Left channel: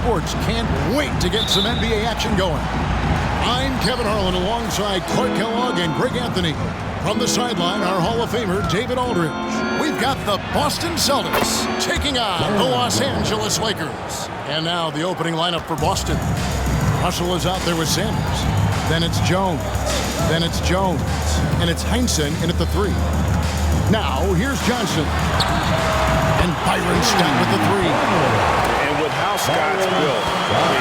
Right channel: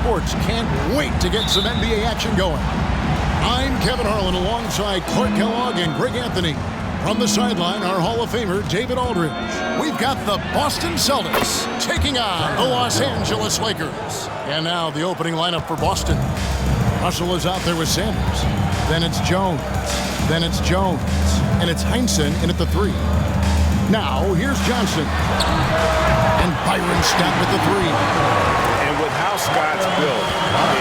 sports can't wait to get some NBA action going. I'm Kevin Harlan alongside Clark Kellogg and Greg Anthony. From the sideline, our Hall of Famer, David Aldridge. We've got the Boston Celtics taking on the Los Angeles Lakers. And now the opening lineup for Boston. Russell is out there with Sanders. Then it's Jones. Then it's Jones. And it's Heinsohn in at the 3. Now, here's Johnson. And Byron Scott with the 3. And with how Scott's built,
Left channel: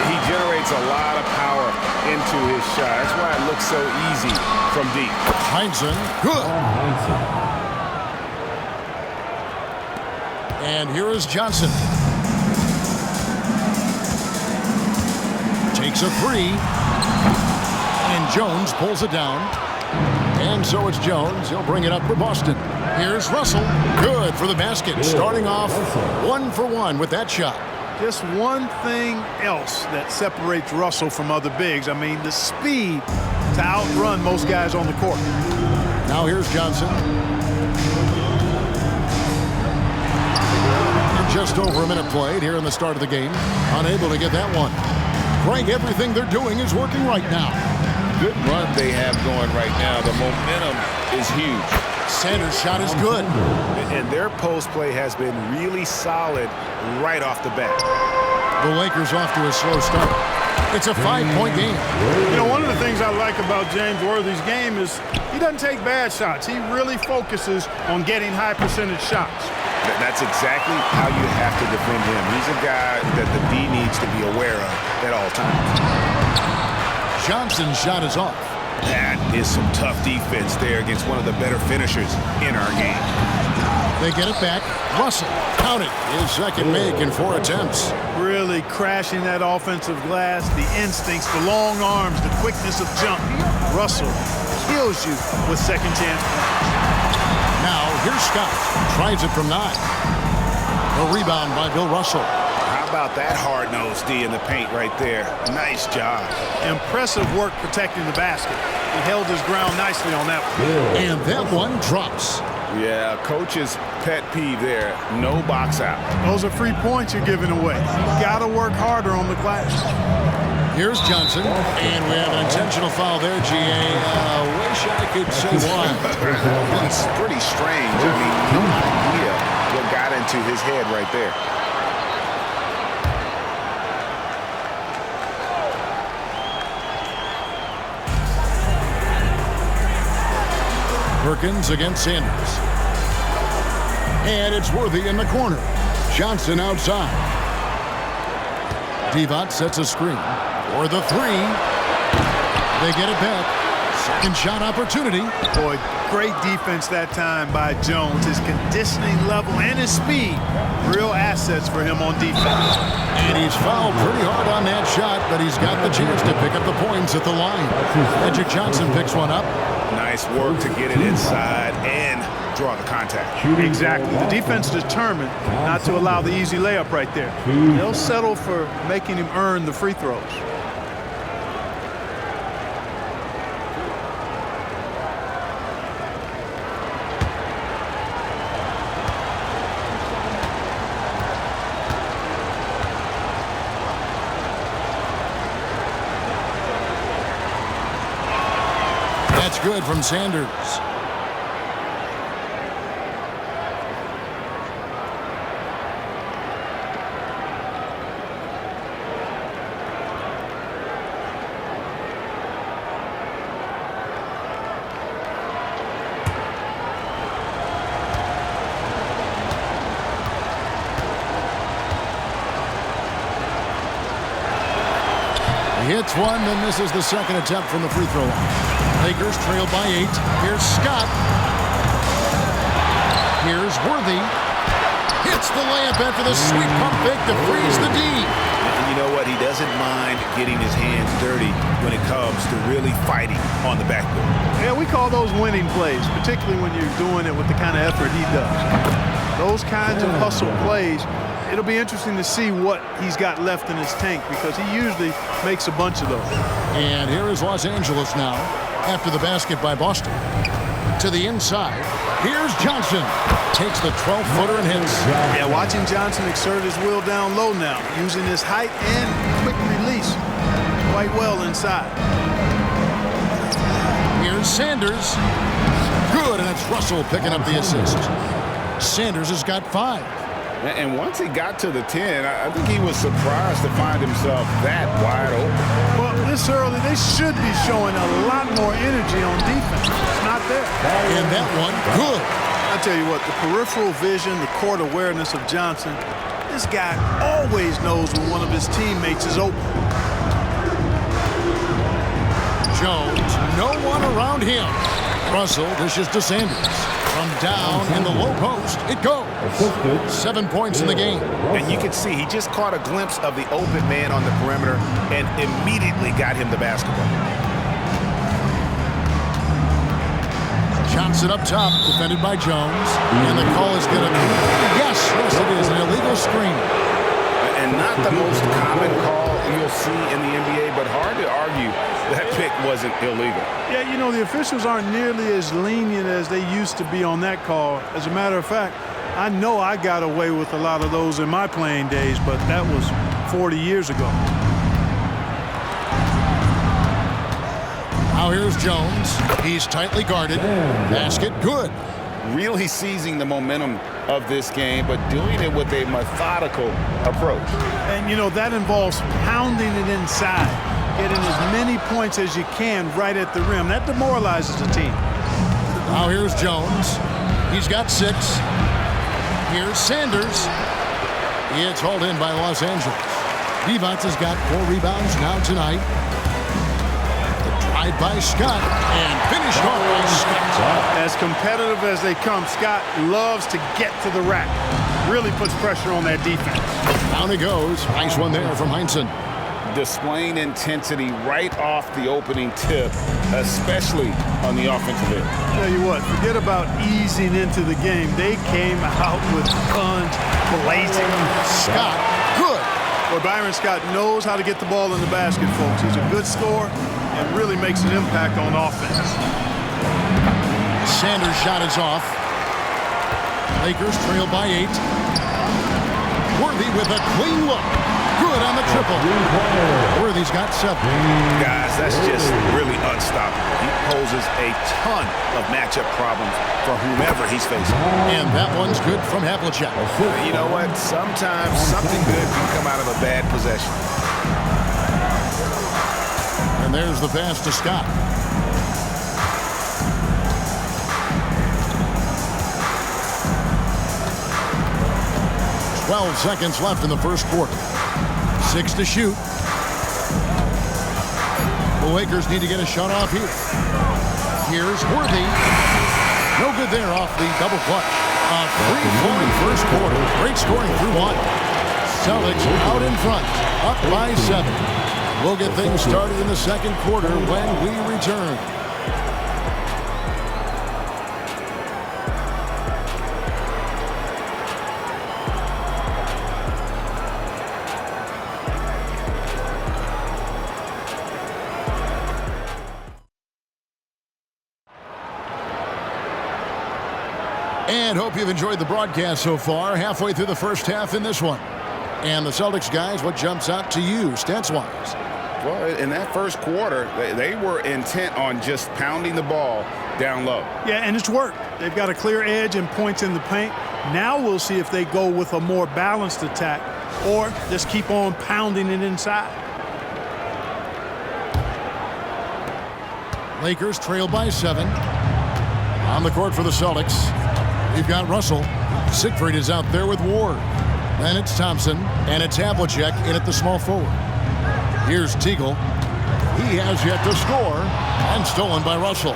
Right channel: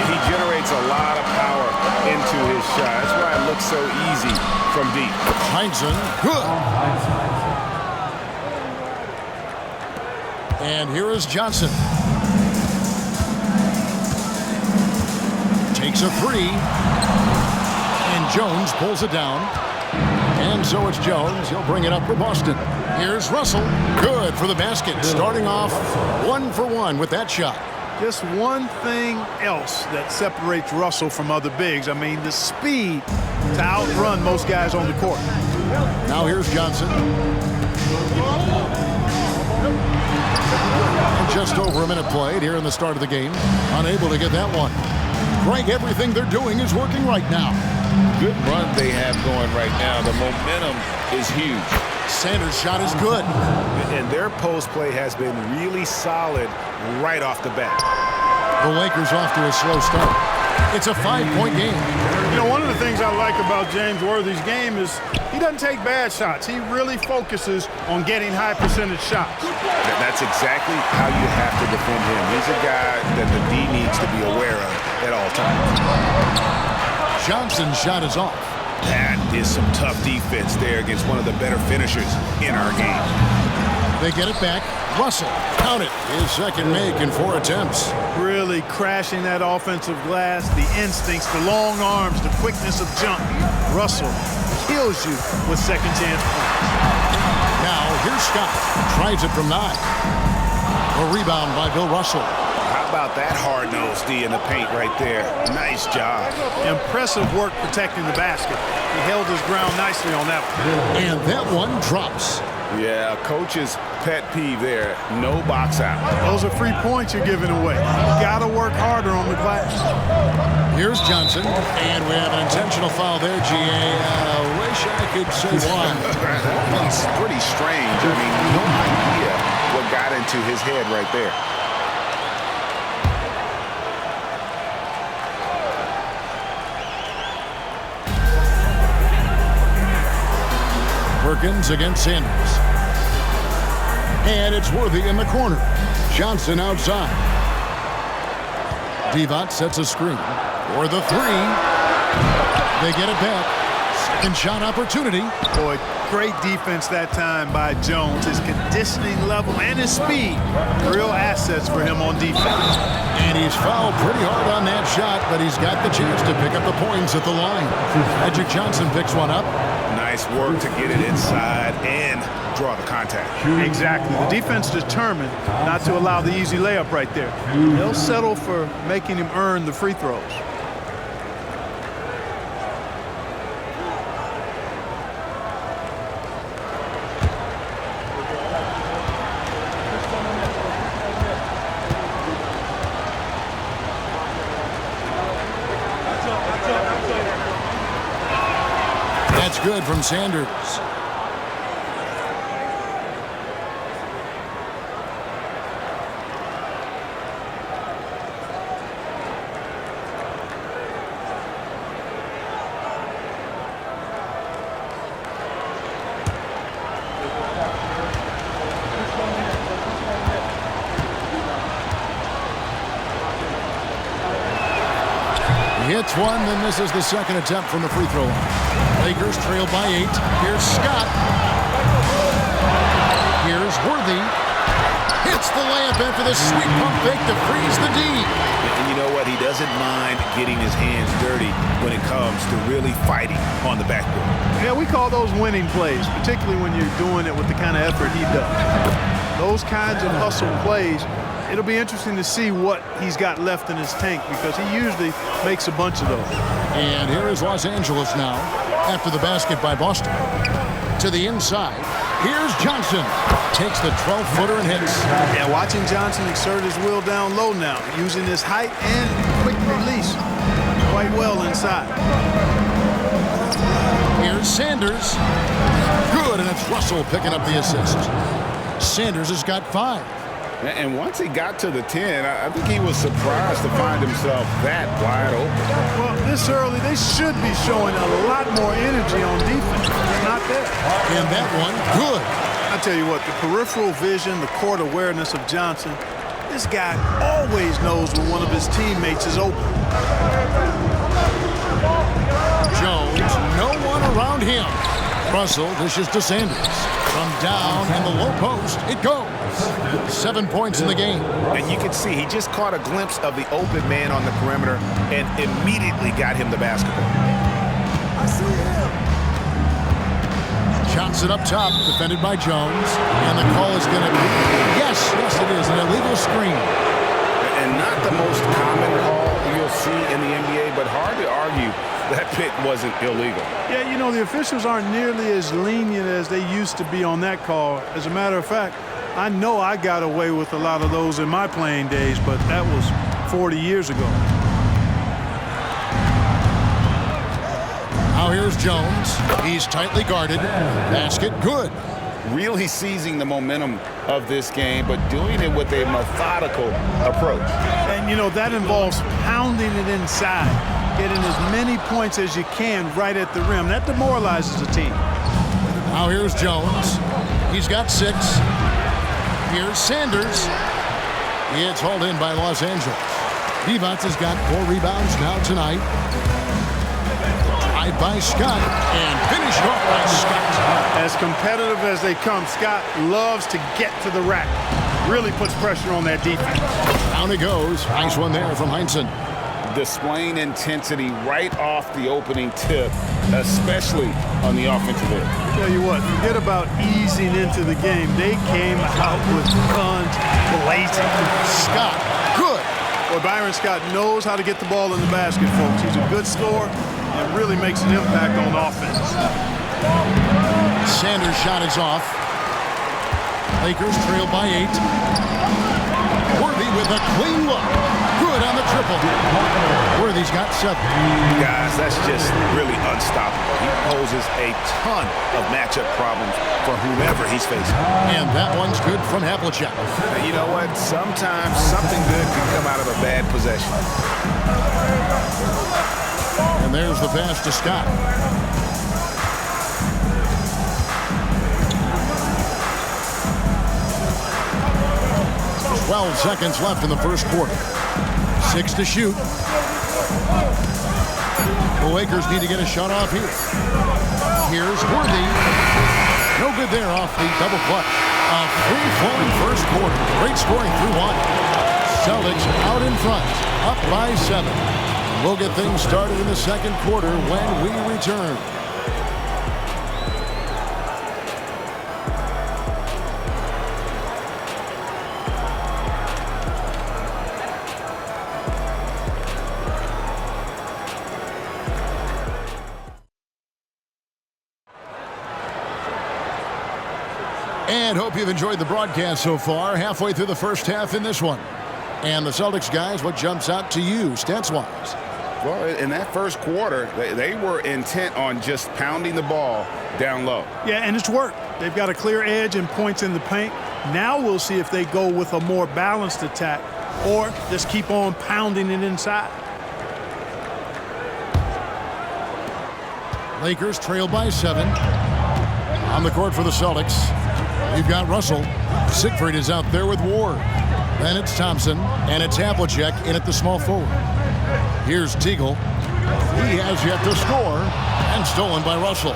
he generates a lot of power into his shot. That's why it looks so easy from deep. Heinsohn, good. And here is Johnson. Takes a 3. And Jones pulls it down. And so it's Jones. He'll bring it up for Boston. Here's Russell. Good for the basket. Starting off 1 for 1 with that shot. Just one thing else that separates Russell from other bigs. I mean, the speed to outrun most guys on the court. Now here's Johnson. And just over a minute played here in the start of the game. Unable to get that one. Greg, everything they're doing is working right now. Good run they have going right now. The momentum is huge. Sanders' shot is good. And their post play has been really solid right off the bat. The Lakers off to a slow start. It's a 5-point game. You know, one of the things I like about James Worthy's game is he doesn't take bad shots. He really focuses on getting high percentage shots. That's exactly how you have to defend him. He's a guy that the D needs to be aware of at all times. Johnson's shot is off. That is some tough defense there against one of the better finishers in our game. They get it back. Russell, count it. His second make in 4 attempts. Really crashing that offensive glass, the instincts, the long arms, the quickness of jump. Russell kills you with second chance points. Now, here's Scott. Tries it from 9. A rebound by Bill Russell. How about that hard-nosed D in the paint right there? Nice job. Impressive work protecting the basket. He held his ground nicely on that one. And that one drops. Yeah, coach's pet peeve there. No box out. Those are free points you're giving away. You got to work harder on the glass. Here's Johnson. And we have an intentional foul there, G.A. Wish I could say why. That one's pretty strange. I mean, no idea what got into his head right there. Perkins against Sanders. And it's Worthy in the corner. Johnson outside. Divac sets a screen for the 3. They get it back. Second shot opportunity. Boy, great defense that time by Jones. His conditioning level and his speed, real assets for him on defense. And he's fouled pretty hard on that shot, but he's got the chance to pick up the points at the line. Magic Johnson picks one up. Nice work to get it inside and draw the contact. Exactly. The defense determined not to allow the easy layup right there. They'll settle for making him earn the free throws. That's good from Sanders. He hits one, then misses the second attempt from the free throw line. Lakers trail by 8. Here's Scott. Here's Worthy. Hits the layup after the sweet pump fake to freeze the D. And you know what? He doesn't mind getting his hands dirty when it comes to really fighting on the backboard. Yeah, we call those winning plays, particularly when you're doing it with the kind of effort he does. Those kinds of hustle plays, it'll be interesting to see what he's got left in his tank because he usually makes a bunch of those. And here is Los Angeles now after the basket by Boston. To the inside. Here's Johnson. Takes the 12-footer and hits. Yeah, watching Johnson exert his will down low now, using his height and quick release quite well inside. Here's Sanders. Good, and it's Russell picking up the assist. Sanders has got 5. And once he got to the 10, I think he was surprised to find himself that wide open. Well, this early, they should be showing a lot more energy on defense. It's not there. And that one, good. I tell you what, the peripheral vision, the court awareness of Johnson, this guy always knows when one of his teammates is open. Jones, no one around him. Russell dishes to Sanders. From down in the low post, it goes. 7 points in the game. And you can see he just caught a glimpse of the open man on the perimeter and immediately got him the basketball. Johnson up top, defended by Jones. And the call is going to be, yes, it is, an illegal screen. And not the most common call you'll see in the NBA, but hard to argue that pick wasn't illegal. Yeah, you know, the officials aren't nearly as lenient as they used to be on that call. As a matter of fact, I know I got away with a lot of those in my playing days, but that was 40 years ago. Now here's Jones. He's tightly guarded. Basket, good. Really seizing the momentum of this game, but doing it with a methodical approach. And, you know, that involves pounding it inside, getting as many points as you can right at the rim. That demoralizes a team. Now here's Jones. He's got 6. Here's Sanders. It's hauled in by Los Angeles. Divac has got 4 rebounds now tonight. Drive by Scott and finished off by Scott. As competitive as they come, Scott loves to get to the rack. Really puts pressure on that defense. Down it goes. Nice one there from Heinsohn. Displaying intensity right off the opening tip, especially on the offensive end. Tell you what, forget about easing into the game. They came out with guns blazing. Scott, good. Well, Byron Scott knows how to get the ball in the basket, folks. He's a good scorer and really makes an impact on offense. Sanders' shot is off. Lakers trail by 8. Worthy with a clean look. Good on the triple. Worthy's got 7. Guys, that's just really unstoppable. He poses a ton of matchup problems for whomever he's facing. And that one's good from Havlicek. You know what? Sometimes something good can come out of a bad possession. And there's the pass to Scott. "12 seconds left in the first quarter. 6 to shoot. The Lakers need to get a shot off here. Here's Worthy. No good there off the double clutch. A free-flowing first quarter. Great scoring through 1. Celtics out in front, up by 7. And we'll get things started in the second quarter when we return. And hope you've enjoyed the broadcast so far. Halfway through the first half in this one. And the Celtics guys, what jumps out to you, stats-wise? Well, in that first quarter, they were intent on just pounding the ball down low. Yeah, and it's worked. They've got a clear edge and points in the paint. Now we'll see if they go with a more balanced attack or just keep on pounding it inside. Lakers trail by 7. On the court for the Celtics, we've got Russell. Siegfried is out there with Ward. Then it's Thompson, and it's Havlicek in at the small forward. Here's Teagle. He has yet to score, and stolen by Russell.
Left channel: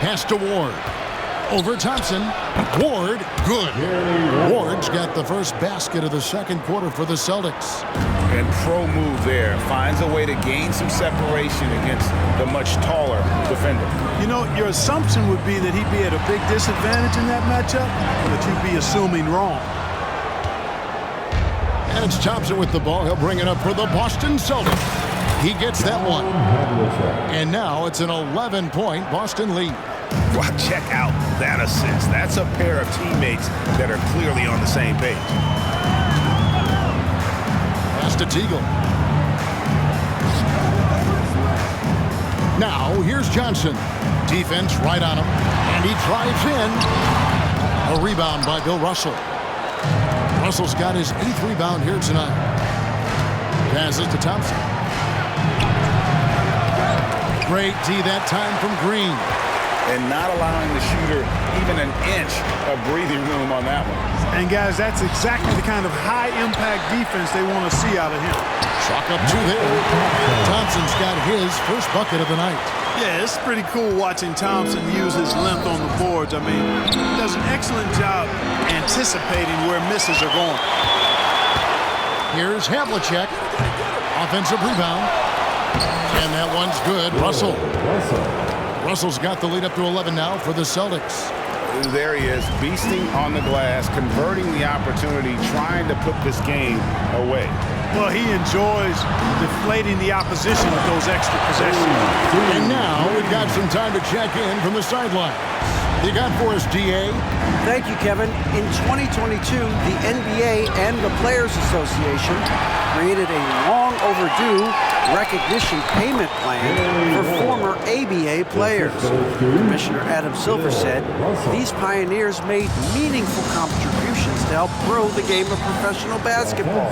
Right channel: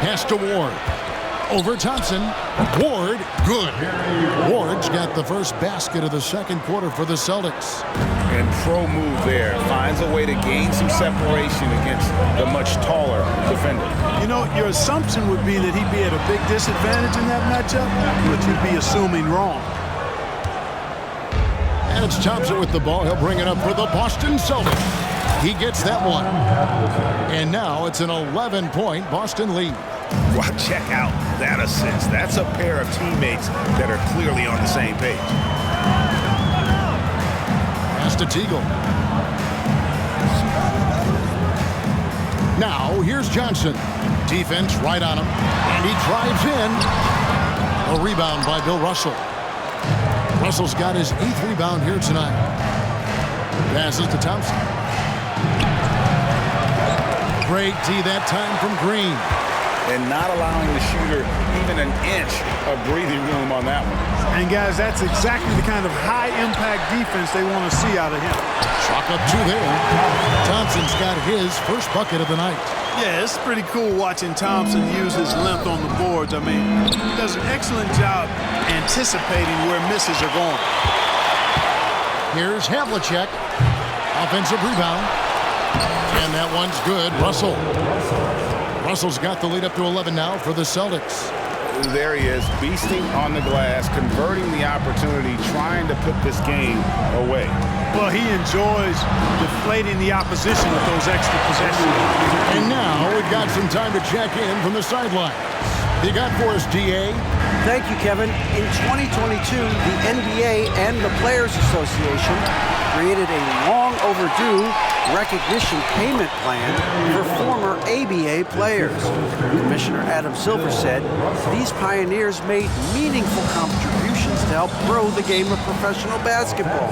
Pass to Ward. Over Thompson. Ward, good. Ward's got the first basket of the second quarter for the Celtics. And pro move there. Finds a way to gain some separation against the much taller defender. You know, your assumption would be that he'd be at a big disadvantage in that matchup, but you'd be assuming wrong. And it's Thompson with the ball. He'll bring it up for the Boston Celtics. He gets that one. And now it's an 11-point Boston lead. Wow, check out that assist. That's a pair of teammates that are clearly on the same page. Pass to Teagle. Now here's Johnson. Defense right on him. And he drives in. A rebound by Bill Russell. Russell's got his 8th rebound here tonight. Passes to Thompson. Great D that time from Green. And not allowing the shooter even an inch of breathing room on that one. And guys, that's exactly the kind of high-impact defense they want to see out of him. Chalk up 2 there. Thompson's got his first bucket of the night. Yeah, it's pretty cool watching Thompson use his length on the boards. I mean, he does an excellent job anticipating where misses are going. Here's Havlicek. Offensive rebound. And that one's good. Russell. Russell's got the lead up to 11 now for the Celtics. There he is, beasting on the glass, converting the opportunity, trying to put this game away. Well, he enjoys deflating the opposition with those extra possessions. And now we've got some time to check in from the sidelines. What you got for us, DA? Thank you, Kevin. In 2022, the NBA and the Players Association created a long overdue recognition payment plan for former ABA players. Commissioner Adam Silver said these pioneers made meaningful contributions to help grow the game of professional basketball,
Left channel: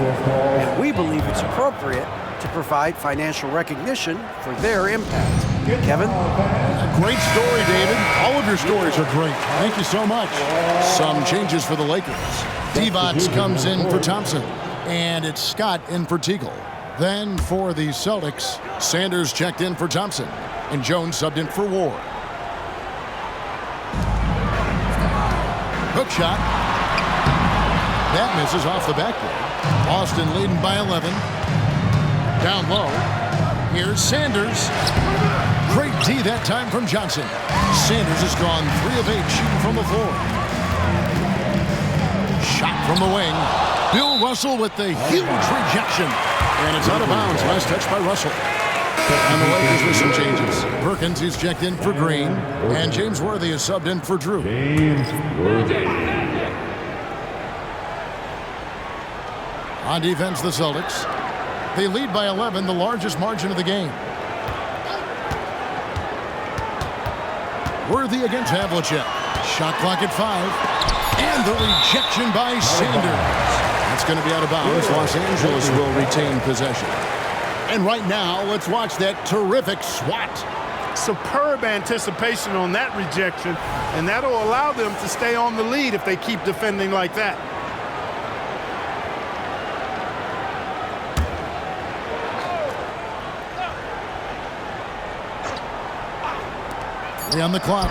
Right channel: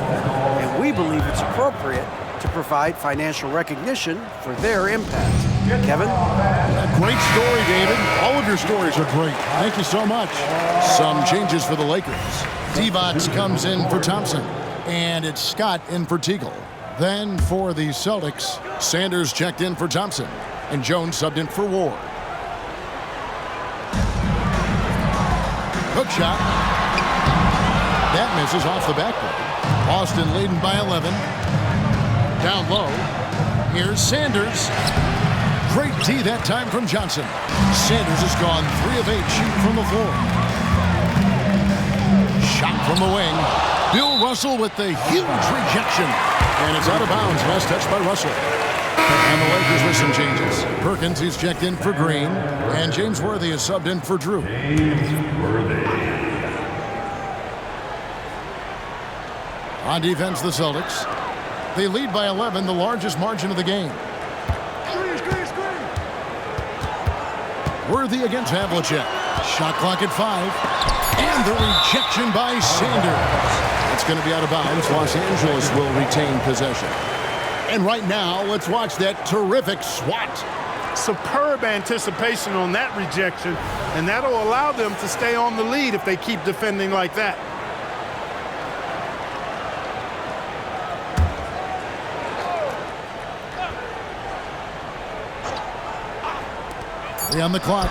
and we believe it's appropriate to provide financial recognition for their impact. Kevin? A great story, David. All of your stories are great. Thank you so much. Some changes for the Lakers. Divac comes in for Thompson, and it's Scott in for Teagle. Then for the Celtics, Sanders checked in for Thompson, and Jones subbed in for Ward. Hook shot. That misses off the backboard. Boston leading by 11. Down low. Here's Sanders. Great D that time from Johnson. Sanders has gone 3 of 8 shooting from the floor. Shot from the wing. Bill Russell with the huge rejection. And it's out of bounds. Last touch by Russell. And the Lakers with some changes. Perkins, he's checked in for Green. And James Worthy is subbed in for Drew. James Worthy. On defense, the Celtics. They lead by 11, the largest margin of the game. Worthy against Havlicek. Shot clock at 5. And the rejection by Sanders. That's going to be out of bounds. Los Angeles will retain possession. And right now, let's watch that terrific swat. Superb anticipation on that rejection, and that'll allow them to stay on the lead if they keep defending like that. On the clock.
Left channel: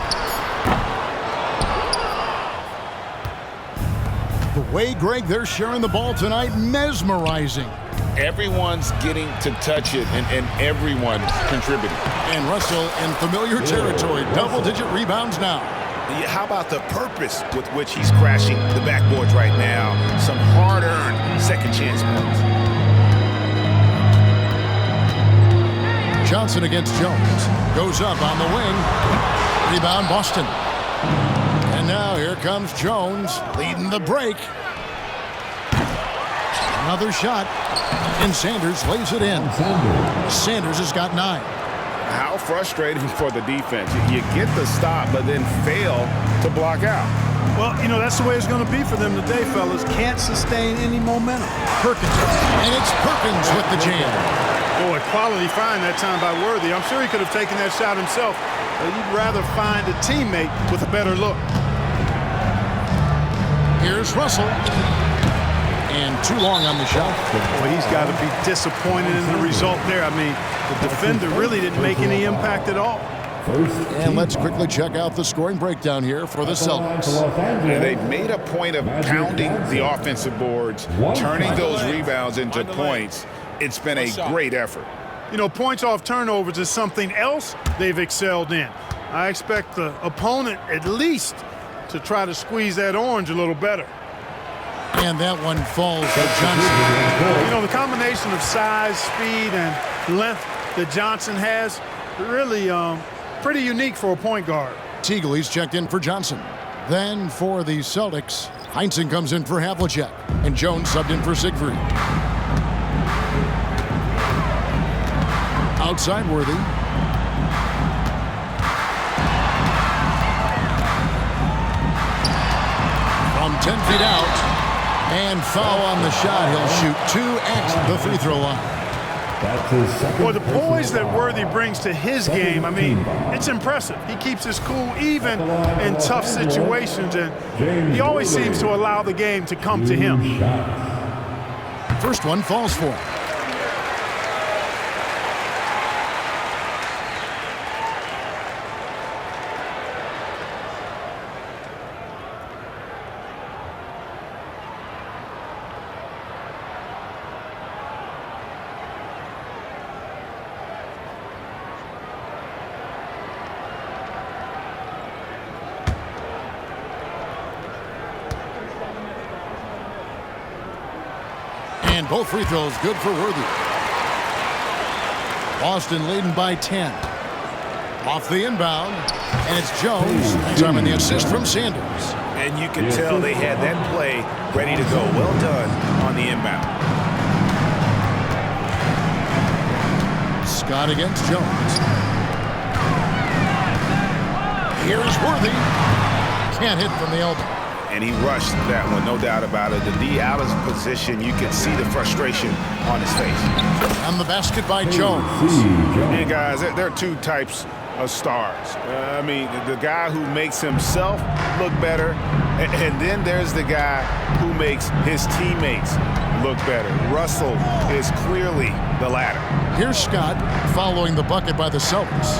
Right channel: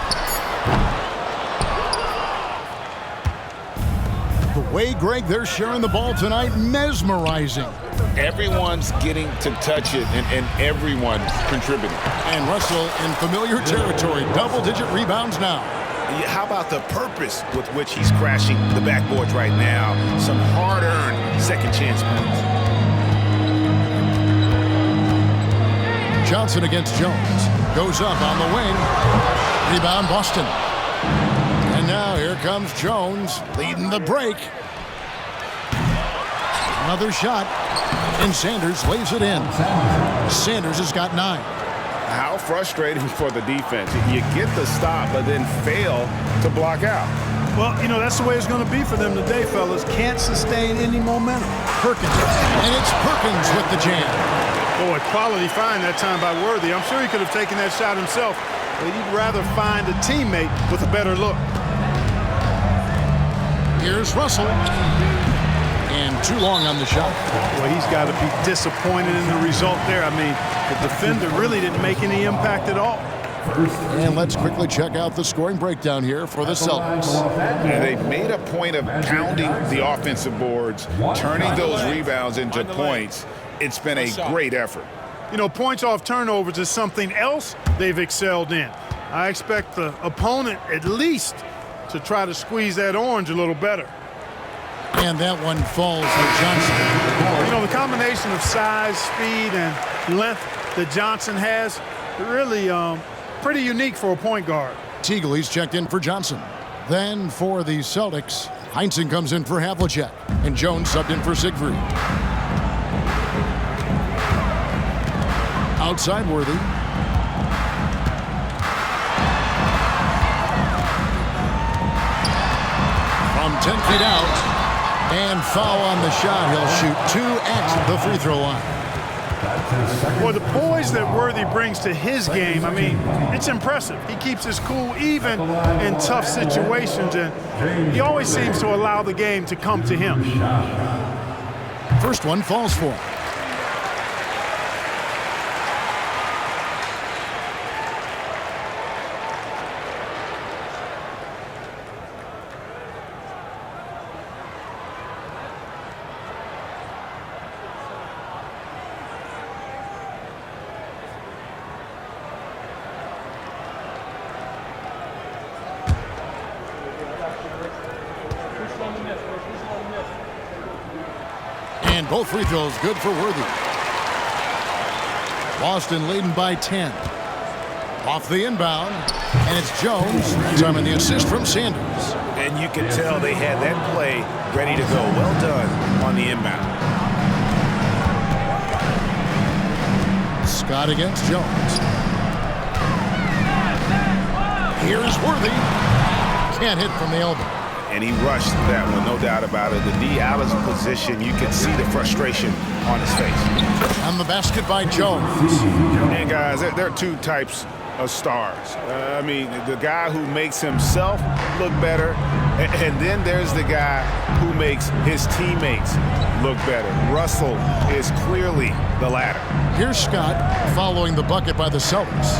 The way, Greg, they're sharing the ball tonight, mesmerizing. Everyone's getting to touch it, and everyone's contributing. And Russell in familiar territory, double-digit rebounds now. How about the purpose with which he's crashing the backboards right now? Some hard-earned second-chance points. Johnson against Jones. Goes up on the wing. Rebound, Boston. And now here comes Jones leading the break. Another shot. And Sanders lays it in. Sanders has got 9. How frustrating for the defense. You get the stop, but then fail to block out. Well, you know, that's the way it's going to be for them today, fellas. Can't sustain any momentum. Perkins. And it's Perkins with the jam. Boy, quality find that time by Worthy. I'm sure he could have taken that shot himself, but he'd rather find a teammate with a better look. Here's Russell. And too long on the shot. Boy, he's got to be disappointed in the result there. I mean, the defender really didn't make any impact at all. And let's quickly check out the scoring breakdown here for the Celtics. And they've made a point of pounding the offensive boards, turning those rebounds into points. It's been a great effort. You know, points off turnovers is something else they've excelled in. I expect the opponent at least to try to squeeze that orange a little better. And that one falls for Johnson. You know, the combination of size, speed, and length that Johnson has, really pretty unique for a point guard. Teagley's checked in for Johnson. Then for the Celtics, Heinsohn comes in for Havlicek, and Jones subbed in for Siegfried. Outside Worthy. From 10 feet out, and foul on the shot. He'll shoot 2 at the free throw line. Well, the poise that Worthy brings to his game, I mean, it's impressive. He keeps his cool even in tough situations, and he always seems to allow the game to come to him. First one falls for him. And both free throws good for Worthy. Boston leading by 10. Off the inbound, and it's Jones. That time in the assist from Sanders. And you can tell they had that play ready to go. Well done on the inbound. Scott against Jones. Here's Worthy. Can't hit from the elbow. And he rushed that one, no doubt about it. The D out of position, you could see the frustration on his face. And the basket by Jones. And guys, there are two types of stars. I mean, the guy who makes himself look better, and then there's the guy who makes his teammates look better. Russell is clearly the latter. Here's Scott following the bucket by the Celtics.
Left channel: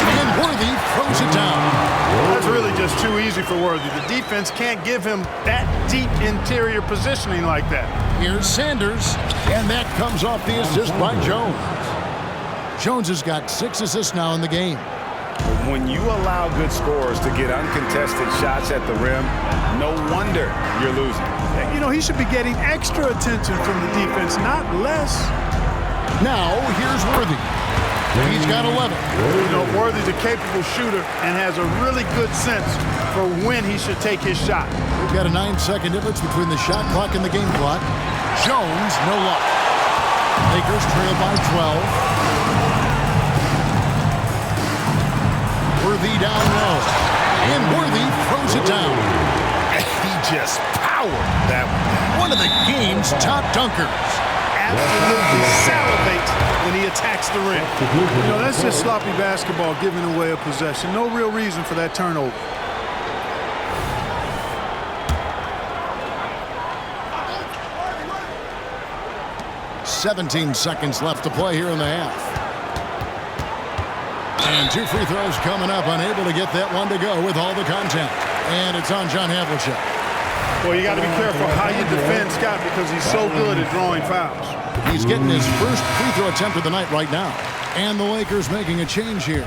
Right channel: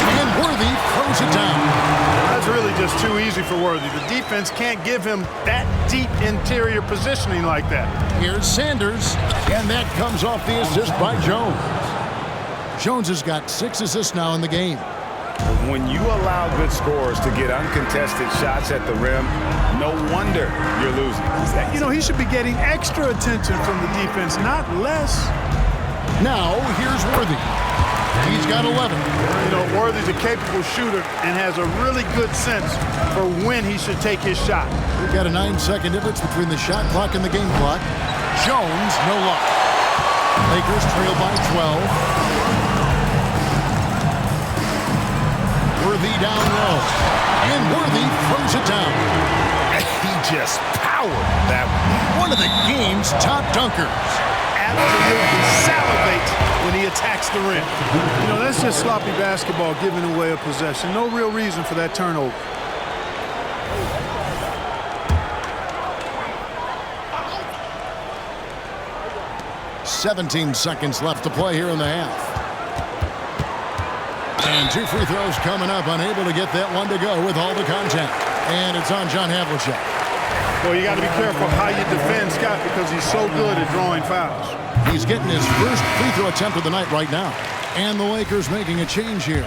And Worthy throws it down. That's really just too easy for Worthy. The defense can't give him that deep interior positioning like that. Here's Sanders, and that comes off the assist by Jones. Jones has got 6 assists now in the game. When you allow good scorers to get uncontested shots at the rim, no wonder you're losing. You know, he should be getting extra attention from the defense, not less. Now, here's Worthy. He's got 11. You know, Worthy's a capable shooter and has a really good sense for when he should take his shot. We've got a 9-second difference between the shot clock and the game clock. Jones, no luck. Lakers trail by 12. Worthy down low. And Worthy throws it down. He just powered that one down. One of the game's top dunkers. Absolutely salivates when he attacks the rim. You know, that's just sloppy basketball, giving away a possession. No real reason for that turnover. "17 seconds left to play here in the half. And 2 free throws coming up, unable to get that one to go with all the contact. And it's on John Havlicek. Well, you got to be careful how you defend Scott because he's so good at drawing fouls. He's getting his first free throw attempt of the night right now. And the Lakers making a change here.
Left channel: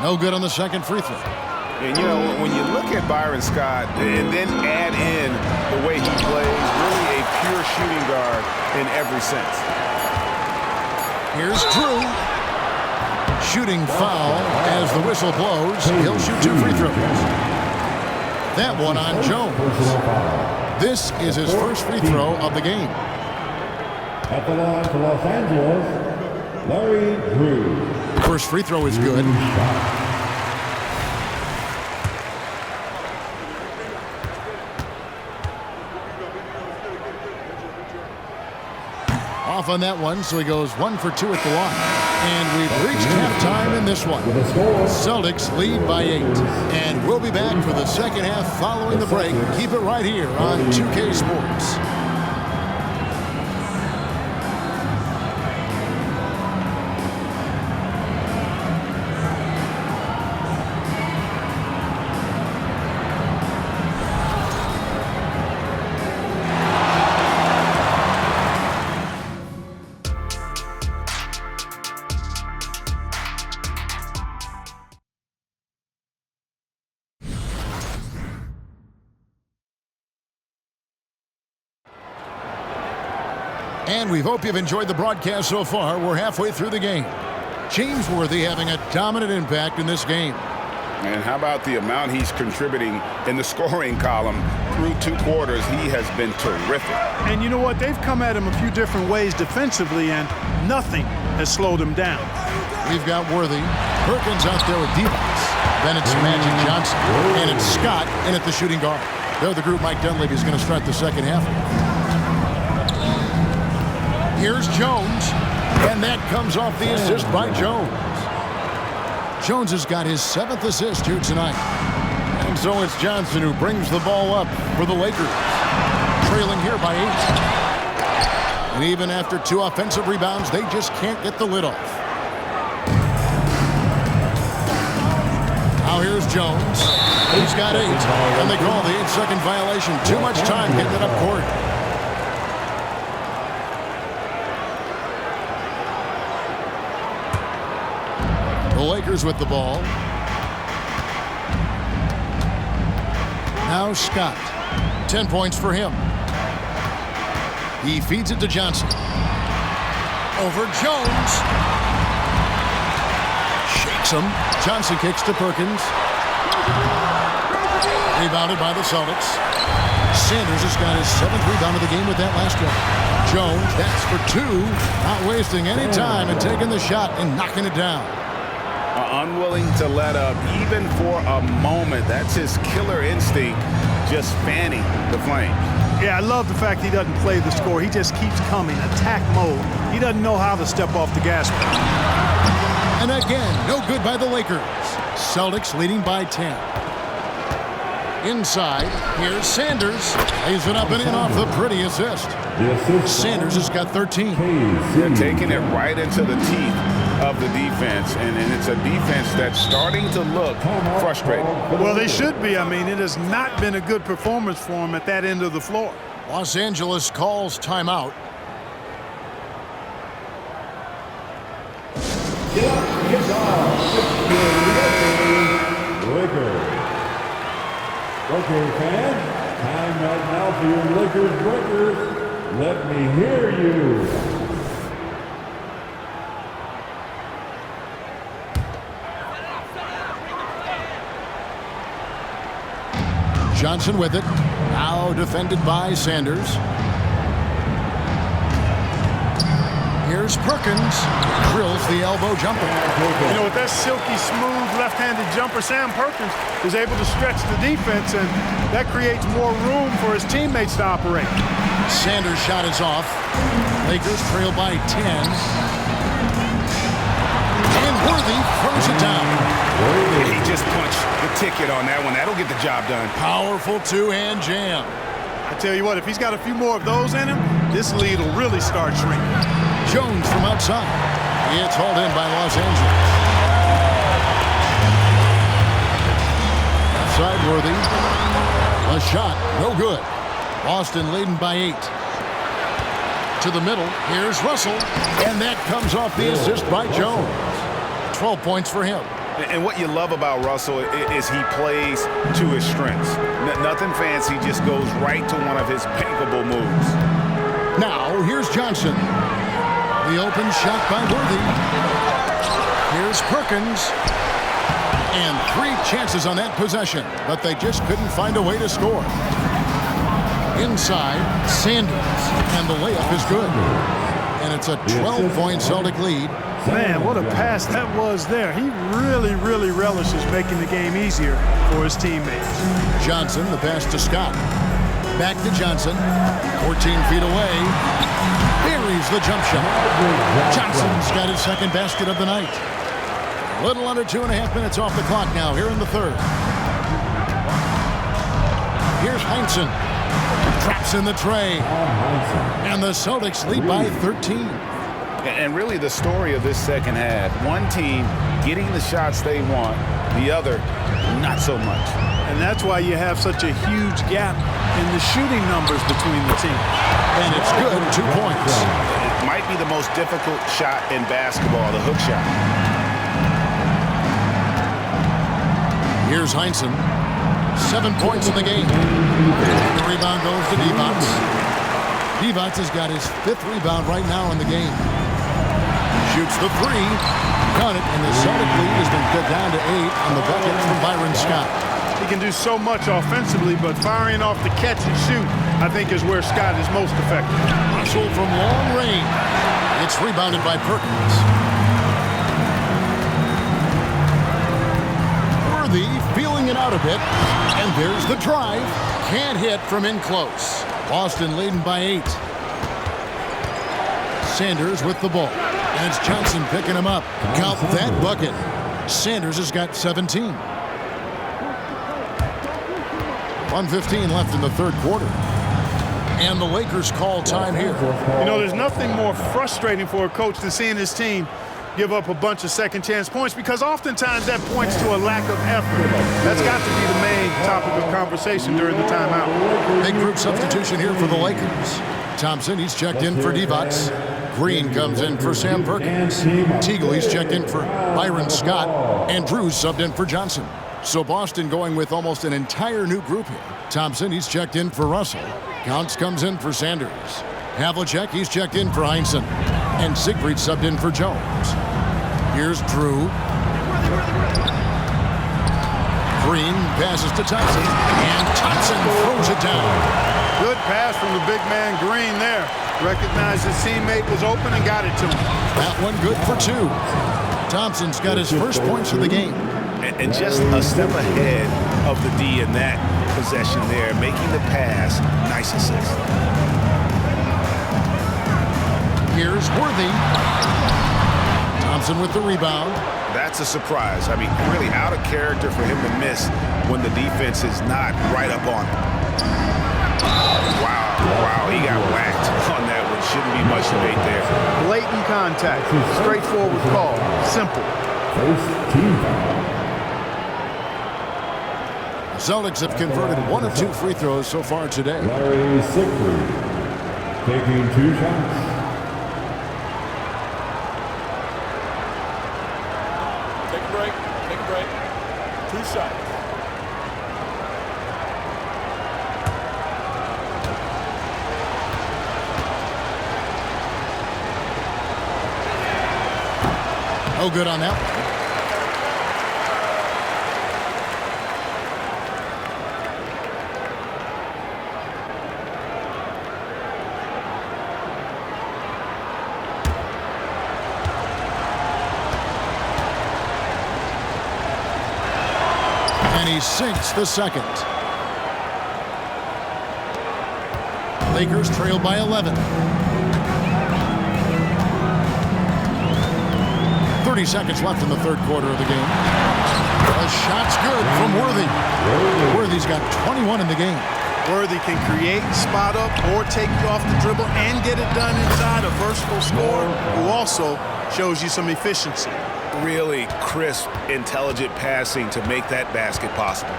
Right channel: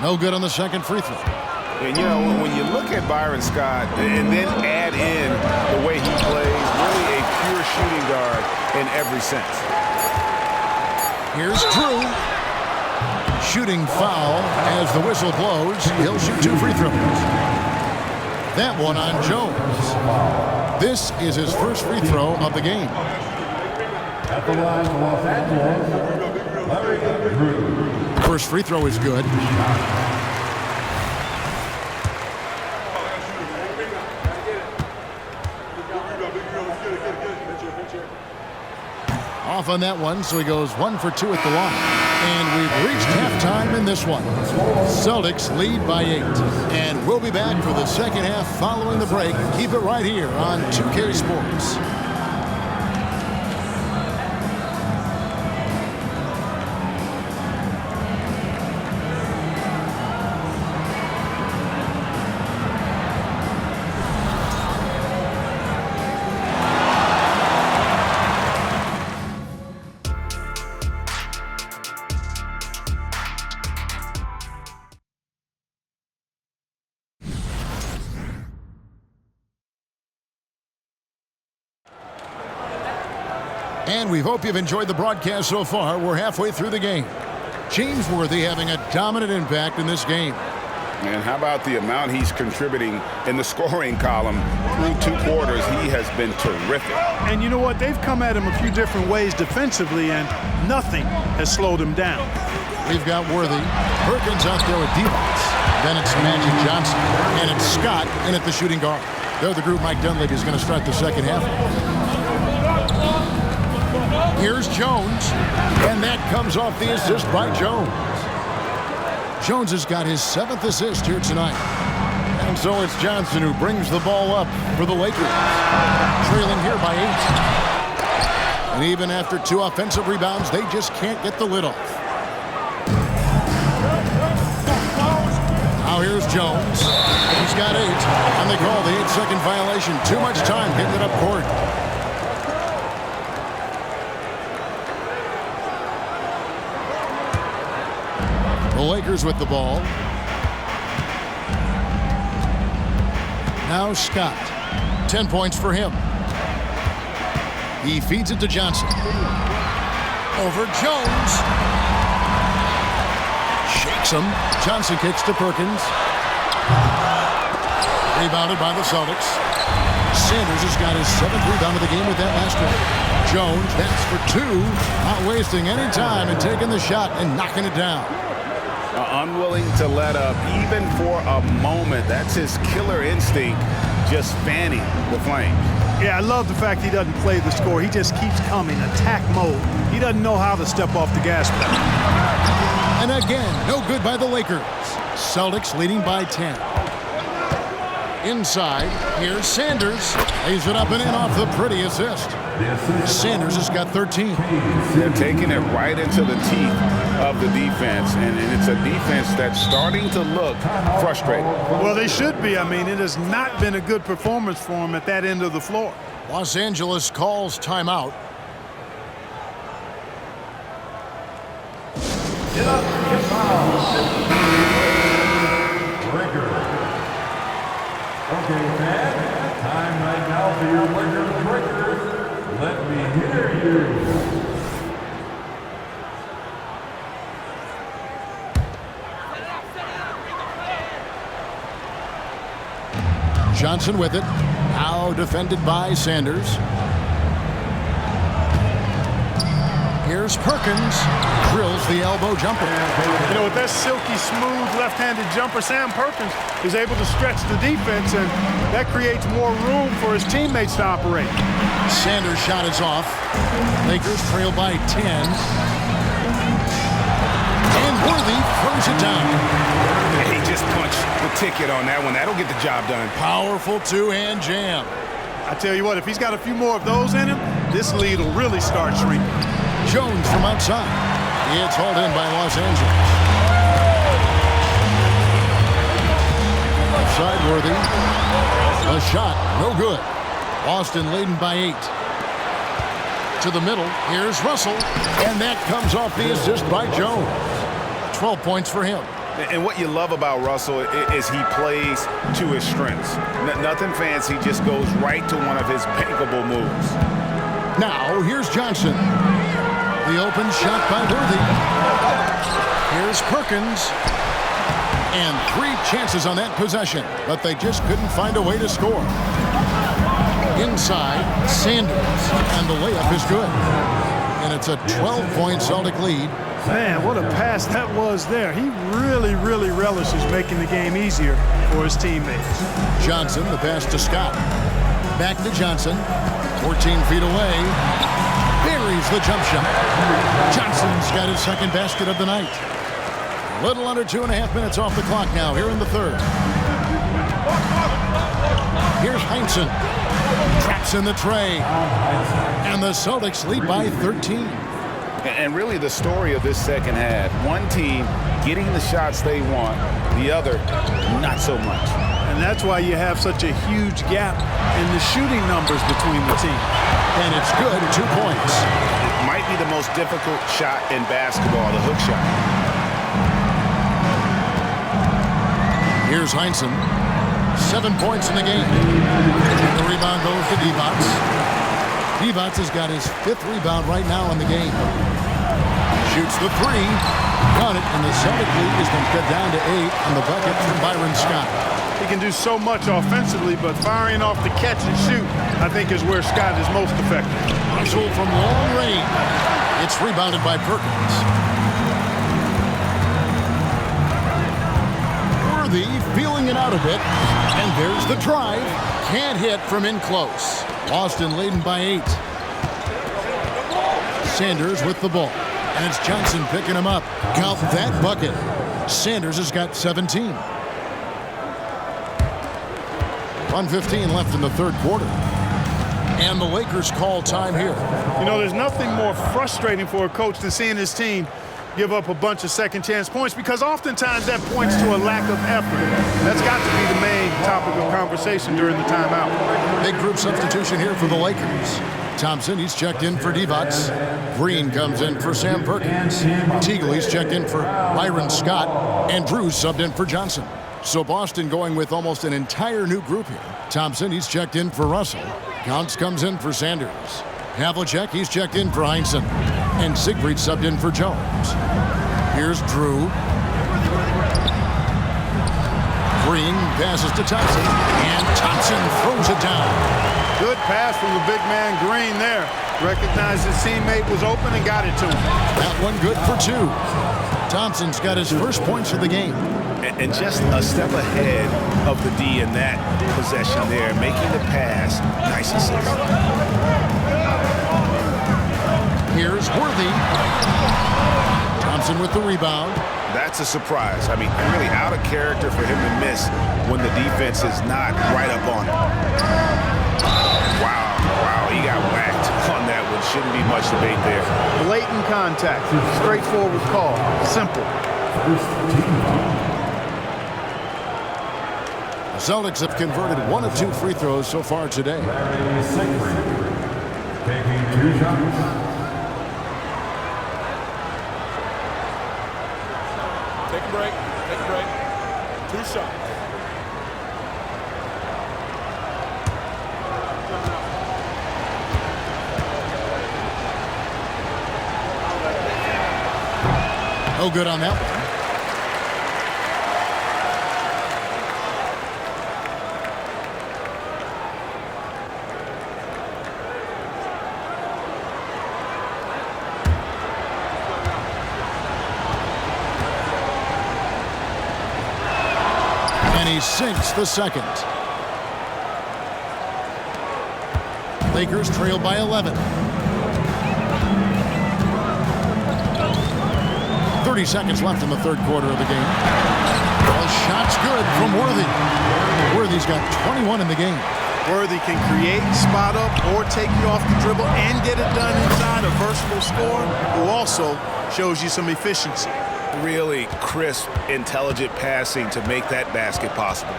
No good on the second free throw. And, you know, when you look at Byron Scott and then add in the way he plays, really a pure shooting guard in every sense. Here's Drew. Shooting foul as the whistle blows. He'll shoot 2 free throws. That one on Jones. This is his first free throw of the game. At the line for Los Angeles, Larry Drew. First free throw is good. Off on that one, so he goes 1 for 2 at the line. And we've reached halftime in this one. Celtics lead by 8. And we'll be back for the second half following the break. Keep it right here on 2K Sports. And we hope you've enjoyed the broadcast so far. We're halfway through the game. James Worthy having a dominant impact in this game. And how about the amount he's contributing in the scoring column through 2 quarters? He has been terrific. And you know what? They've come at him a few different ways defensively, and nothing has slowed him down. We've got Worthy. Perkins out there with Divac. Then it's Magic Johnson. And it's Scott in at the shooting guard. They're the group Mike Dunleavy is going to start the second half. Here's Jones. And that comes off the assist by Jones. Jones has got his 7th assist here tonight. And so it's Johnson who brings the ball up for the Lakers. Trailing here by 8. And even after 2 offensive rebounds, they just can't get the lid off. Now here's Jones. He's got 8. And they call the 8-second violation. Too much time getting it up court. The Lakers with the ball. Now Scott. 10 points for him. He feeds it to Johnson. Over Jones. Shakes him. Johnson kicks to Perkins. Rebounded by the Celtics. Sanders has got his 7th rebound of the game with that last one. Jones, that's for 2. Not wasting any time and taking the shot and knocking it down. Unwilling to let up even for a moment. That's his killer instinct, just fanning the flames. Yeah, I love the fact he doesn't play the score. He just keeps coming, attack mode. He doesn't know how to step off the gas pedal. And again, no good by the Lakers. Celtics leading by 10. Inside, here's Sanders. Lays it up and in off the pretty assist. Sanders has got 13. They're taking it right into the teeth of the defense, and it's a defense that's starting to look frustrated. Well, they should be. I mean, it has not been a good performance for them at that end of the floor. Los Angeles calls timeout. Okay, fans, time right now for your Lakers breakers. Let me hear you. Johnson with it. Now defended by Sanders. Here's Perkins. Drills the elbow jumper. You know, with that silky smooth left-handed jumper, Sam Perkins is able to stretch the defense, and that creates more room for his teammates to operate. Sanders' shot is off. Lakers trail by 10. And Worthy throws it down. He just punched the ticket on that one. That'll get the job done. Powerful 2-hand jam. I tell you what, if he's got a few more of those in him, this lead will really start shrinking. Jones from outside. It's hauled in by Los Angeles. Outside Worthy. A shot, no good. Boston leading by 8. To the middle, here's Russell. And that comes off the assist by Jones. 12 points for him. And what you love about Russell is he plays to his strengths. Nothing fancy, just goes right to one of his bankable moves. Now, here's Johnson. The open shot by Worthy. Here's Perkins. And 3 chances on that possession, but they just couldn't find a way to score. Inside, Sanders. And the layup is good. And it's a 12-point Celtic lead. Man, what a pass that was there. He really, really relishes making the game easier for his teammates. Johnson, the pass to Scott. Back to Johnson. 14 feet away. Buries the jump shot. Johnson's got his 2nd basket of the night. A little under 2.5 minutes off the clock now here in the 3rd. Here's Heinsohn. Traps in the tray. And the Celtics lead by 13. And really the story of this second half, one team getting the shots they want, the other not so much. And that's why you have such a huge gap in the shooting numbers between the teams. And it's good, 2 points. It might be the most difficult shot in basketball, the hook shot. Here's Heinsohn. 7 points in the game. And the rebound goes to Divac. Divac has got his 5th rebound right now in the game. Shoots the 3. Got it, and the Celtic lead has been cut down to 8 on the bucket from Byron Scott. He can do so much offensively, but firing off the catch and shoot, I think, is where Scott is most effective. Russell from long range. It's rebounded by Perkins. Worthy feeling it out a bit, and there's the drive. Can't hit from in close. Boston leading by 8. Sanders with the ball, and it's Johnson picking him up. Count that bucket. Sanders has got 17. 1:15 left in the 3rd quarter. And the Lakers call time here. You know, there's nothing more frustrating for a coach than seeing his team give up a bunch of second chance points, because oftentimes that points to a lack of effort. That's got to be the main topic of conversation during the timeout. Big group substitution here for the Lakers. Thompson, he's checked in for Divac. Green comes in for Sam Perkins. Teagle, he's checked in for Byron Scott. And Drews subbed in for Johnson. So Boston going with almost an entire new group here. Thompson, he's checked in for Russell. Counts comes in for Sanders. Havlicek, he's checked in for Heinsohn. And Siegfried subbed in for Jones. Here's Drew. Green passes to Thompson. And Thompson throws it down. Good pass from the big man Green there. Recognized his teammate was open and got it to him. That one good for 2. Thompson's got his first points of the game. And just a step ahead of the D in that possession there, making the pass. Nice assist. Here's Worthy. Thompson with the rebound. That's a surprise. I mean, really out of character for him to miss when the defense is not right up on him. Wow, he got whacked on that one. Shouldn't be much debate there. Blatant contact. Straightforward call. Simple. First team foul. The Celtics have converted 1 of 2 free throws so far today. Larry Siegfried taking 2 shots. Take a break. 2 shots. No good on that one. And he sinks the second. Lakers trail by 11. 30 seconds left in the 3rd quarter of the game. A shot's good from Worthy. Worthy's got 21 in the game. Worthy can create, spot up, or take you off the dribble and get it done inside. A versatile scorer who also shows you some efficiency. Really crisp, intelligent passing to make that basket possible.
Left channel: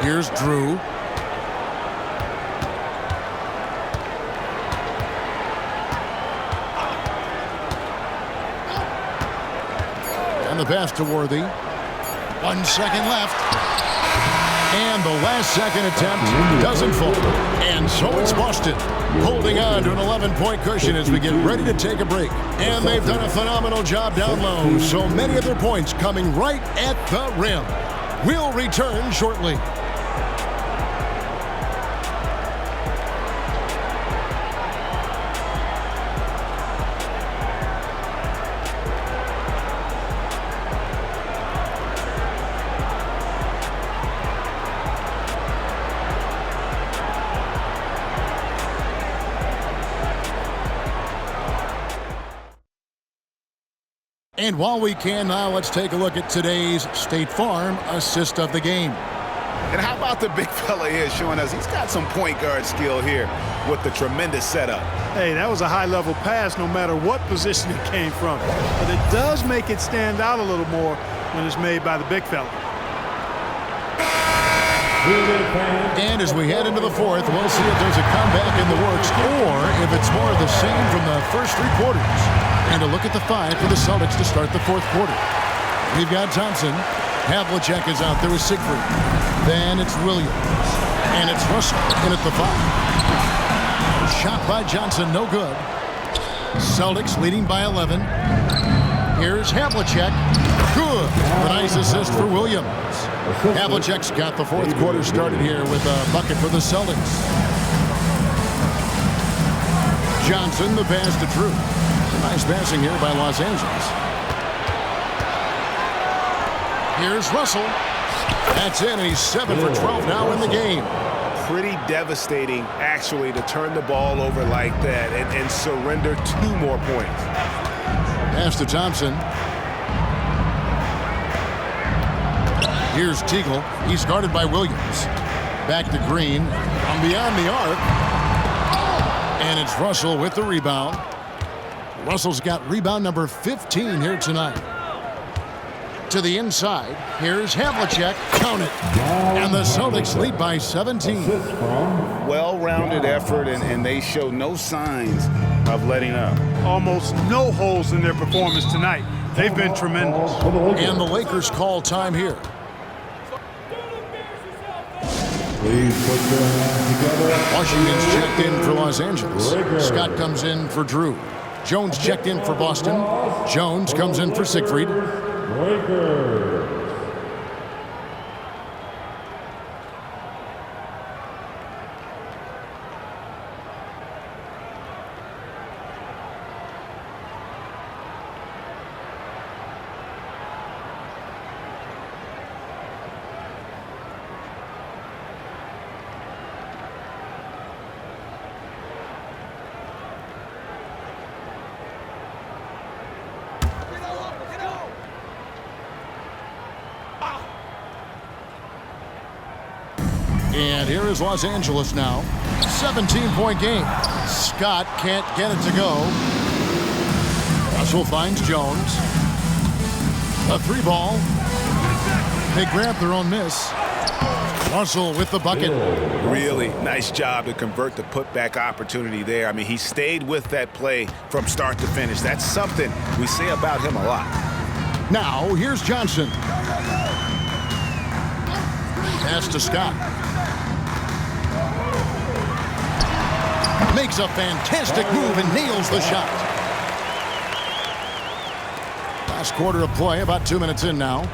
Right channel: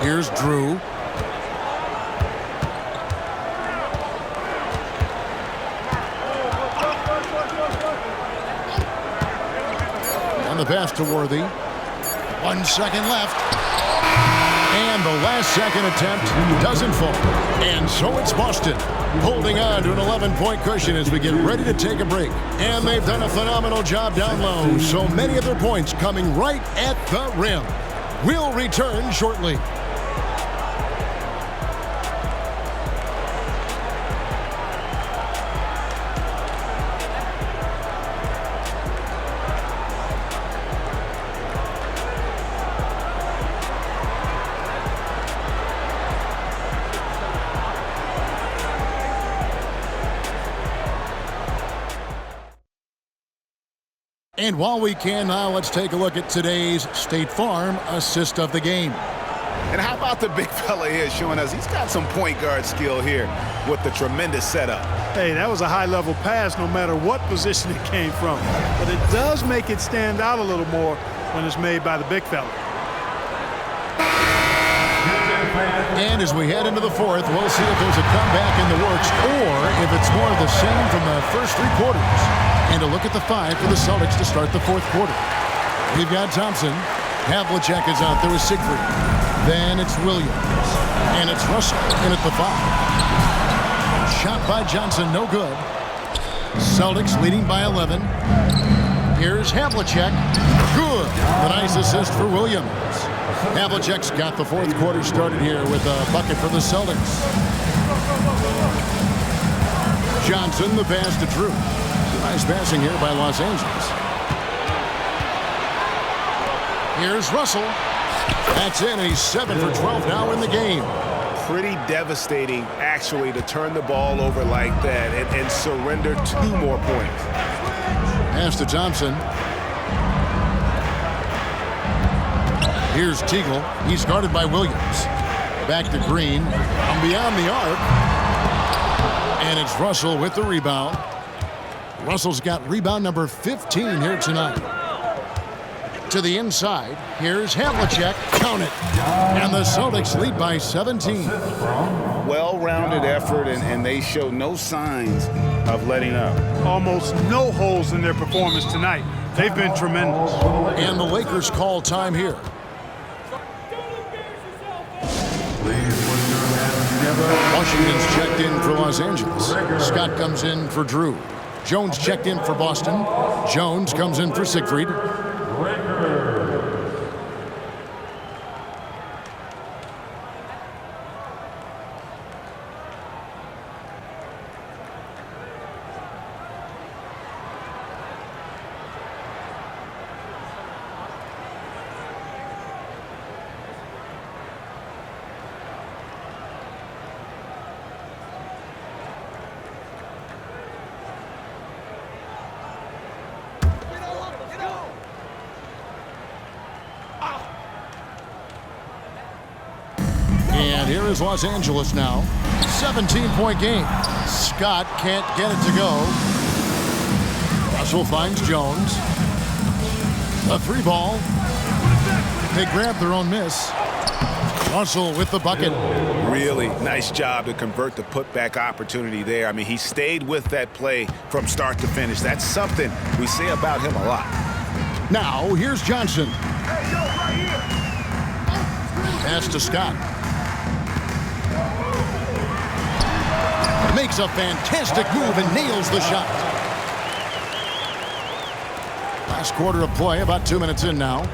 Here's Drew. And the pass to Worthy. 1 second left. And the last second attempt doesn't fall. And so it's Boston holding on to an 11-point cushion as we get ready to take a break. And they've done a phenomenal job down low. So many of their points coming right at the rim. We'll return shortly. And while we can now, let's take a look at today's State Farm assist of the game. And how about the big fella here showing us he's got some point guard skill here with the tremendous setup. Hey, that was a high-level pass no matter what position it came from. But it does make it stand out a little more when it's made by the big fella. And as we head into the 4th, we'll see if there's a comeback in the works or if it's more of the same from the first 3 quarters. And a look at the 5 for the Celtics to start the 4th quarter. We've got Thompson. Havlicek is out there with Siegfried. Then it's Williams. And it's Russell in at the 5. Shot by Johnson, no good. Celtics leading by 11. Here's Havlicek. Good. The nice assist for Williams. Havlicek's got the fourth quarter started here with a bucket for the Celtics. Johnson, the pass to Drew. Nice passing here by Los Angeles. Here's Russell. That's in, and he's 7 for 12 now in the game. Pretty devastating, actually, to turn the ball over like that and surrender 2 more points. Pass to Thompson. Here's Teagle. He's guarded by Williams. Back to Green. From beyond the arc. And it's Russell with the rebound. Russell's got rebound number 15 here tonight. To the inside. Here's Havlicek. Count it. And the Celtics lead by 17. Well-rounded effort, and they show no signs of letting up. Almost no holes in their performance tonight. They've been tremendous. And the Lakers call time here. Please put your hands together. Washington's checked in for Los Angeles. Scott comes in for Drew. Jones checked in for Boston. Jones comes in for Siegfried. Lakers. And here is Los Angeles now. 17-point game. Scott can't get it to go. Russell finds Jones. The 3 ball. They grab their own miss. Russell with the bucket. Really nice job to convert the putback opportunity there. I mean, he stayed with that play from start to finish. That's something we say about him a lot. Now, here's Johnson. Pass to Scott. Makes a fantastic move and nails the shot. Last quarter of play, about 2 minutes in now.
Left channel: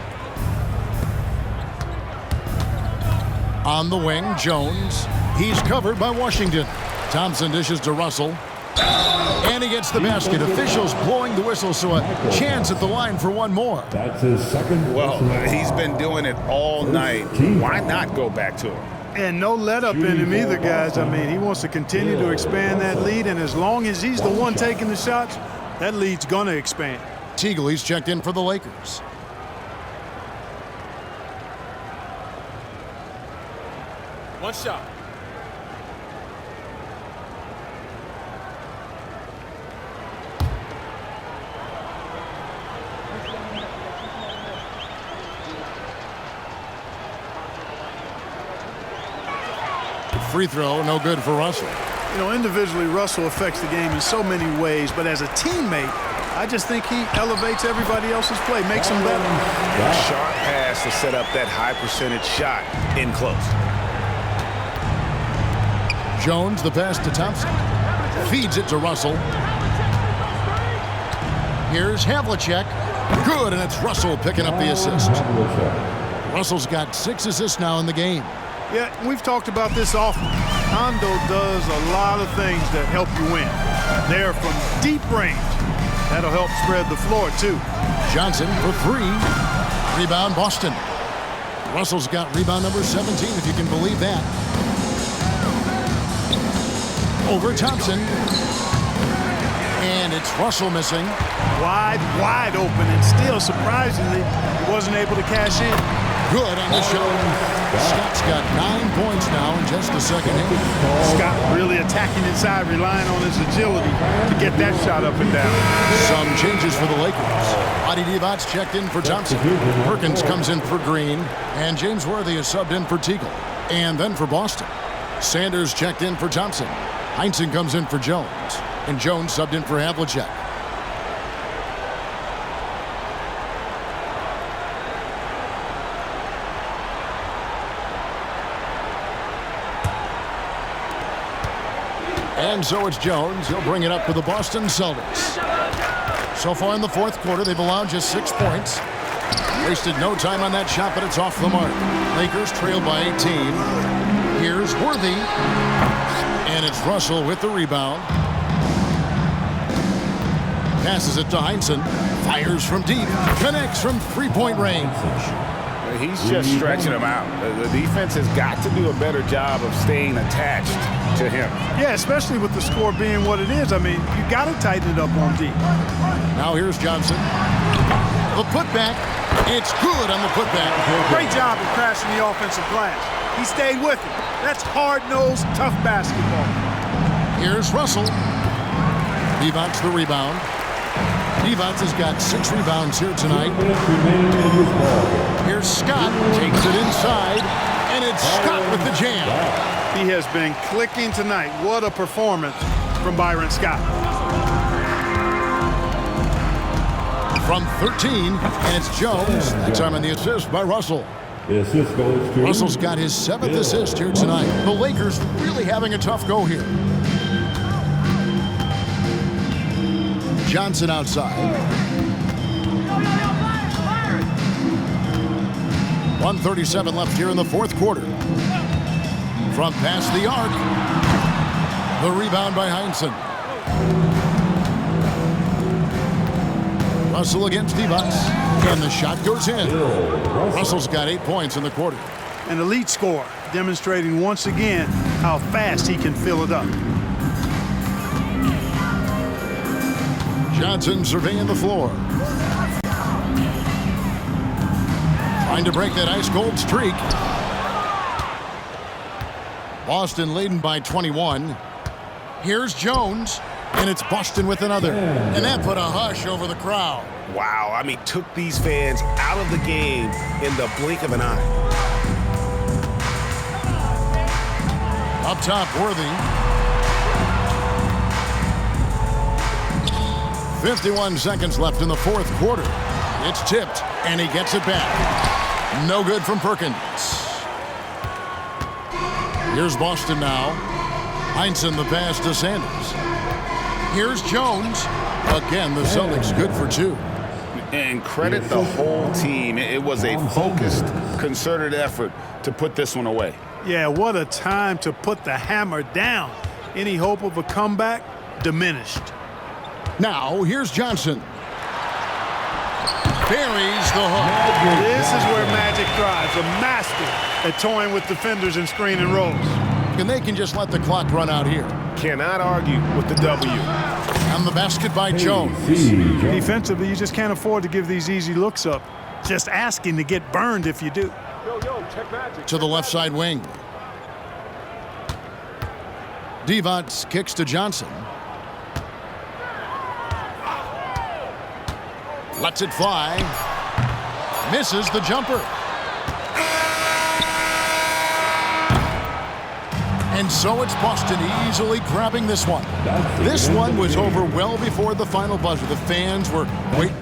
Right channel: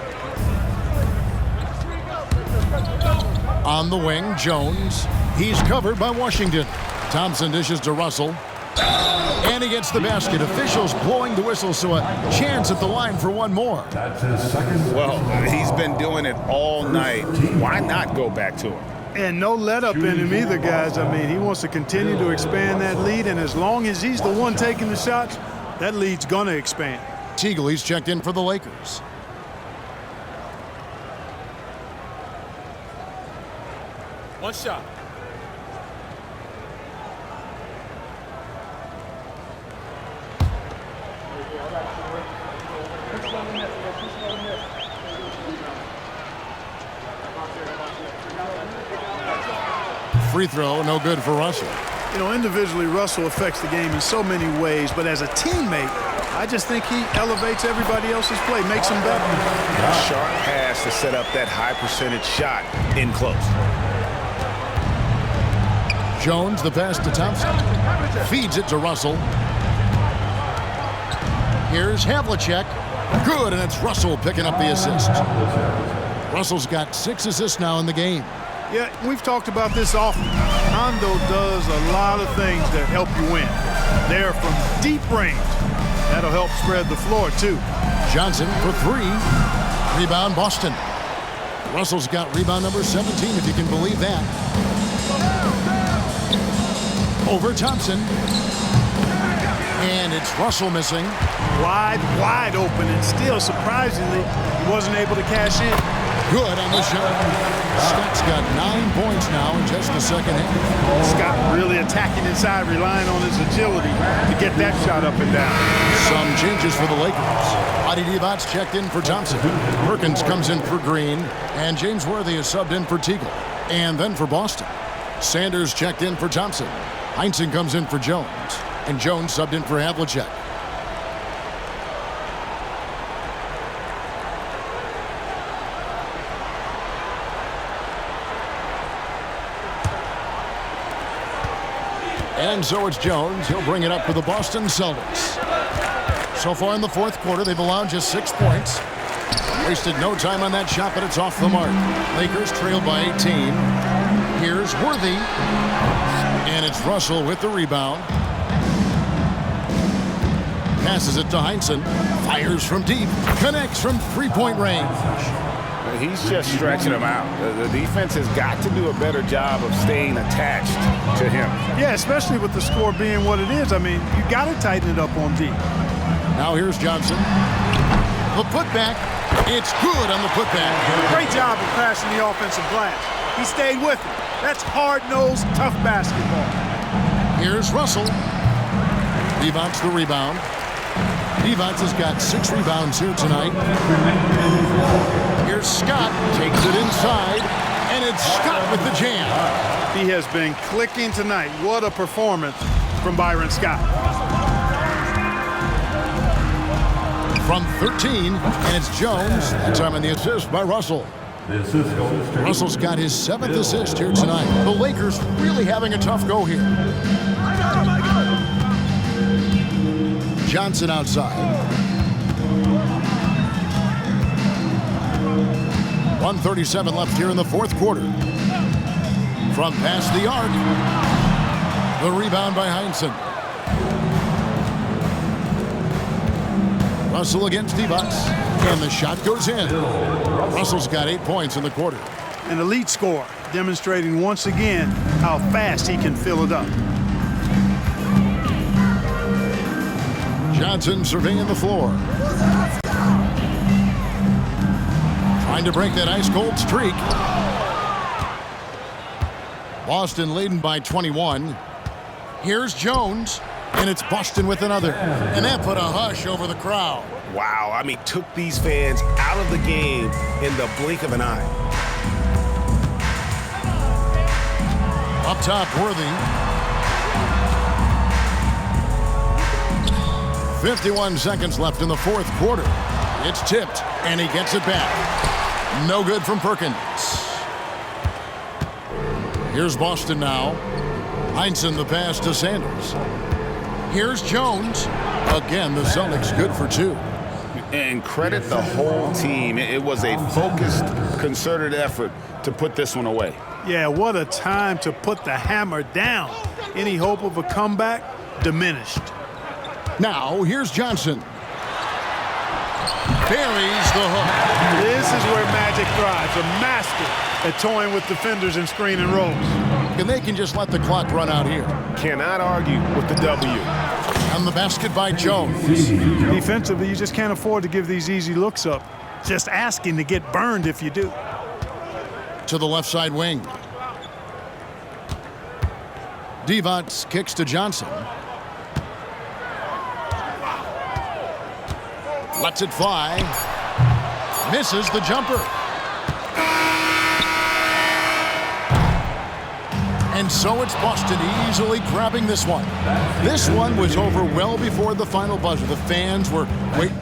On the wing, Jones. He's covered by Washington. Thompson dishes to Russell. And he gets the basket. Officials blowing the whistle, so a chance at the line for one more. That's his second. Well, he's been doing it all night. Why not go back to him? And no let up in him either, guys. I mean, he wants to continue to expand that lead, and as long as he's the one taking the shots, that lead's going to expand. Teagle, he's checked in for the Lakers. One shot. Free throw, no good for Russell. You know, individually, Russell affects the game in so many ways, but as a teammate, I just think he elevates everybody else's play, makes them better. And a sharp pass to set up that high percentage shot in close. Jones, the pass to Thompson. Feeds it to Russell. Here's Havlicek. Good, and it's Russell picking up the assist. Russell's got 6 assists now in the game. Yeah, we've talked about this often. Hondo does a lot of things that help you win. They're from deep range. That'll help spread the floor, too. Johnson for 3. Rebound, Boston. Russell's got rebound number 17, if you can believe that. Over Thompson. And it's Russell missing. Wide open, and still, surprisingly, he wasn't able to cash in. Good on the shot. Scott's got 9 points now in just the second half. Scott really attacking inside, relying on his agility to get that shot up and down. Some changes for the Lakers. Adi Divac's checked in for Thompson. Perkins comes in for Green. And James Worthy is subbed in for Teagle. And then for Boston. Sanders checked in for Thompson. Heinsohn comes in for Jones. And Jones subbed in for Havlicek. And so it's Jones. He'll bring it up for the Boston Celtics. So far in the fourth quarter, they've allowed just 6 points. Wasted no time on that shot, but it's off the mark. Lakers trail by 18. Here's Worthy. And it's Russell with the rebound. Passes it to Heinsohn. Fires from deep. Connects from three-point range. He's just stretching him out. The defense has got to do a better job of staying attached to him. Yeah, especially with the score being what it is. I mean, you got to tighten it up on D. Now here's Johnson. The putback. It's good on the putback. Great job of crashing the offensive glass. He stayed with it. That's hard-nosed, tough basketball. Here's Russell. Devon's the rebound. Devon's has got 6 rebounds here tonight. Here's Scott. Takes it inside. And it's Scott with the jam. He has been clicking tonight. What a performance from Byron Scott. From 13, and it's Jones. That time on the assist by Russell. The assist goes to Russell's got his 7th assist here tonight. The Lakers really having a tough go here. Johnson outside. 1:37 left here in the fourth quarter. From past the arc. The rebound by Heinsohn. Russell against Devon. And the shot goes in. Russell's got 8 points in the quarter. An elite scorer, demonstrating once again how fast he can fill it up. Johnson surveying the floor. Trying to break that ice-cold streak. Boston leading by 21. Here's Jones. And it's Boston with another. And that put a hush over the crowd. Wow, I mean, took these fans out of the game in the blink of an eye. Up top, Worthy. 51 seconds left in the fourth quarter. It's tipped, and he gets it back. No good from Perkins. Here's Boston now. Heinsohn the pass to Sanders. Here's Jones. Again, the Celtics good for 2. And credit the whole team. It was a focused, concerted effort to put this one away. Yeah, what a time to put the hammer down. Any hope of a comeback diminished. Now, here's Johnson. Buries the hook. This is where Magic thrives, a master at toying with defenders and screen and rolls. And they can just let the clock run out here. Cannot argue with the W. And the basket by Jones. Defensively, you just can't afford to give these easy looks up. Just asking to get burned if you do. To the left side wing. Devon's kicks to Johnson. Lets it fly. Misses the jumper. And so it's Boston easily grabbing this one. This one was over well before the final buzzer. The fans were waiting.